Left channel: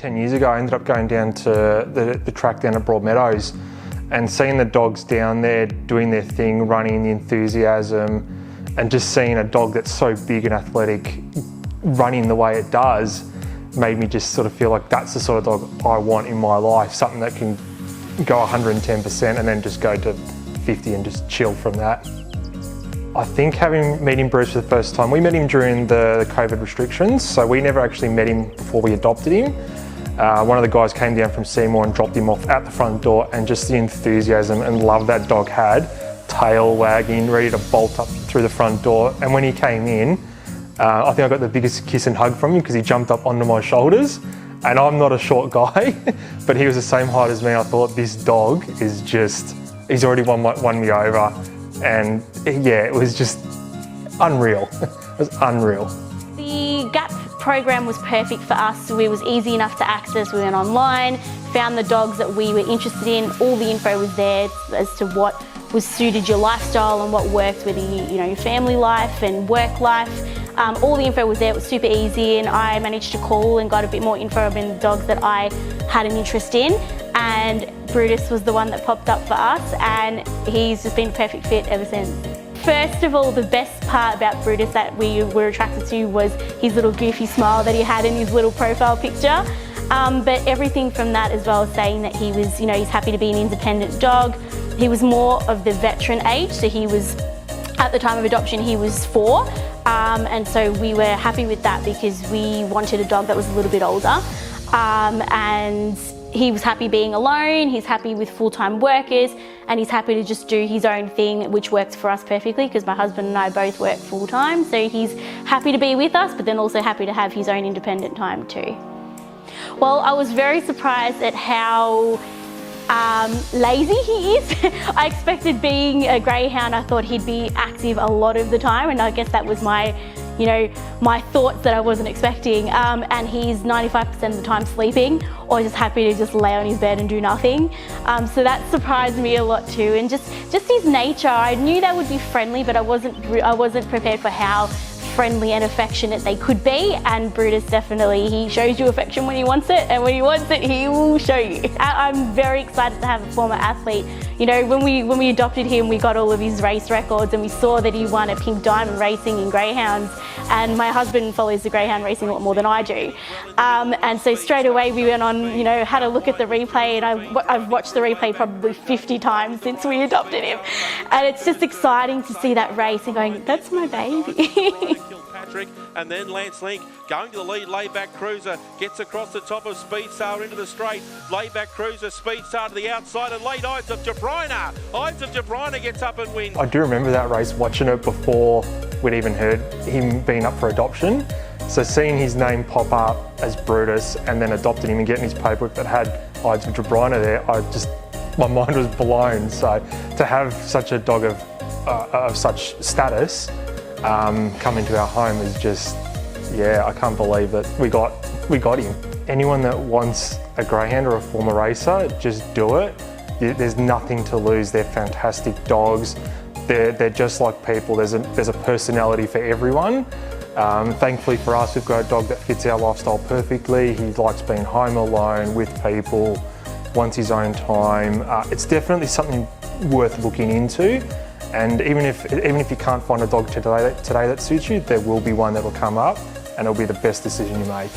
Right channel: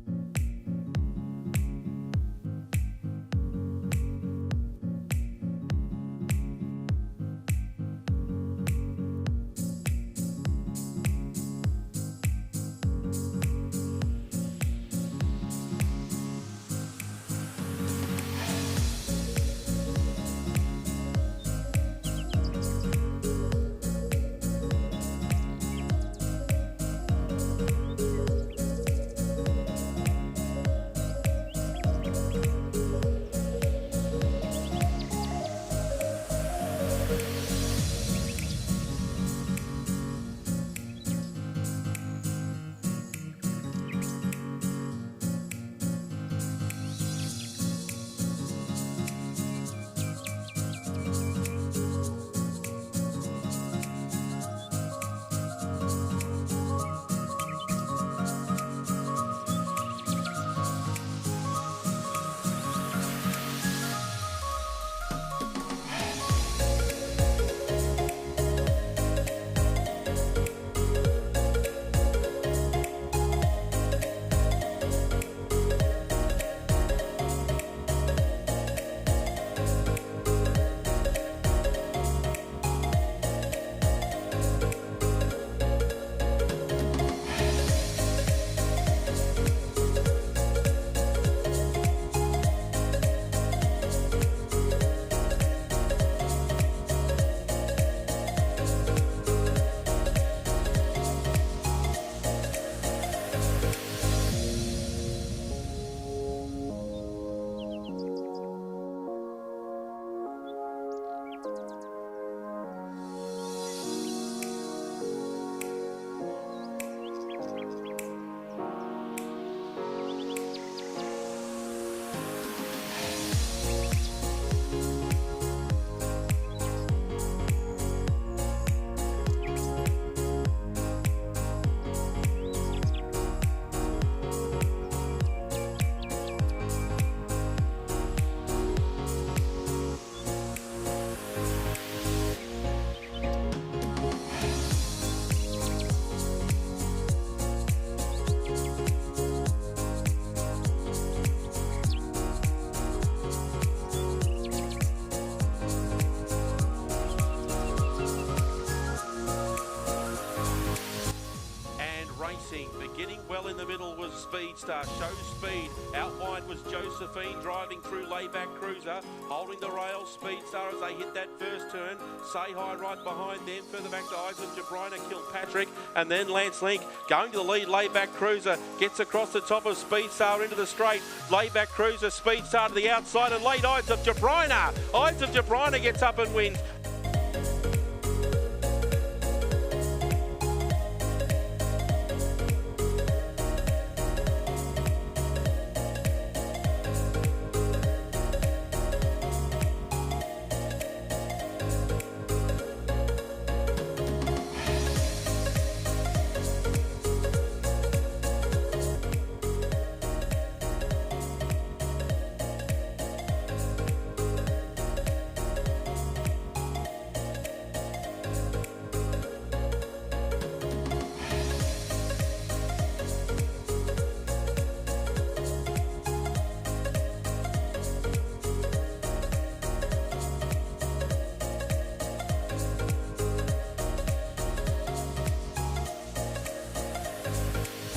10 years ago, I ended up going down to the track down at Broadmeadows and seeing the dogs down there doing their thing, running, the enthusiasm, and just seeing a dog that's so big and athletic running the way it does made me just sort of feel like that's the sort of dog I want in my life, something that can go 110% and then just go to 50 and just chill from that. I think meeting Bruce for the first time, we met him during the COVID restrictions, so we never actually met him before we adopted him. One of the guys came down from Seymour and dropped him off at the front door, and just the enthusiasm and love that dog had, tail wagging, ready to bolt up through the front door. And when he came in, I think I got the biggest kiss and hug from him because he jumped up onto my shoulders. And I'm not a short guy, but he was the same height as me. I thought, this dog is just, he's already won me over. And yeah, it was just unreal. It was unreal. The GAP program was perfect for us. It was easy enough to access. We went online, found the dogs that we were interested in. All the info was there as to what was suited your lifestyle and what worked with your family life and work life. All the info was there. It was super easy, and I managed to call and got a bit more info about the dogs that I had an interest in. And Brutus was the one that popped up for us, and he's just been a perfect fit ever since. First of all, the best part about Brutus that we were attracted to was his little goofy smile that he had in his little profile picture. But everything from that as well, saying that he was, he's happy to be an independent dog. He was more of the veteran age, so he was, at the time of adoption, he was 4. And so we were happy with that because we wanted a dog that was a little bit older. And he was happy being alone, he's happy with full-time workers, and he's happy to just do his own thing, which works for us perfectly because my husband and I both work full-time. So he's happy to be with us, but then also happy to have his own independent time too. Well, I was very surprised at how lazy he is. I expected, being a greyhound, I thought he'd be active a lot of the time, and I guess that was my my thoughts that I wasn't expecting. And he's 95% of the time sleeping or just happy to just lay on his bed and do nothing. So that surprised me a lot too. And just his nature, I knew they would be friendly, but I wasn't prepared for how friendly and affectionate they could be. And Brutus definitely, he shows you affection when he wants it, and when he wants it, he will show you. I'm very excited to have a former athlete. When we adopted him, we got all of his race records, and we saw that he won a pink diamond racing in greyhounds. And my husband follows the greyhound racing a lot more than I do. And so straight away we went on, had a look at the replay, and I've watched the replay probably 50 times since we adopted him. And it's just exciting to see that race and going, that's my baby. Patrick, and then Lance Link going to the lead. Layback Cruiser gets across the top of Speedstar into the straight. Layback Cruiser, Speedstar to the outside, and late Ides Of Jebrynah. Ides Of Jebrynah gets up and wins. I do remember that race, watching it before we'd even heard him being up for adoption. So seeing his name pop up as Brutus and then adopting him and getting his paperwork that had Ides Of Jebrynah there, my mind was blown. So to have such a dog of such status come into our home is just, yeah, I can't believe that we got him. Anyone that wants a greyhound or a former racer, just do it. There's nothing to lose. They're fantastic dogs. They're just like people. There's a personality for everyone. Thankfully for us, we've got a dog that fits our lifestyle perfectly. He likes being home alone with people, wants his own time. It's definitely something worth looking into. And even if you can't find a dog today that suits you, there will be one that will come up, and it'll be the best decision you make.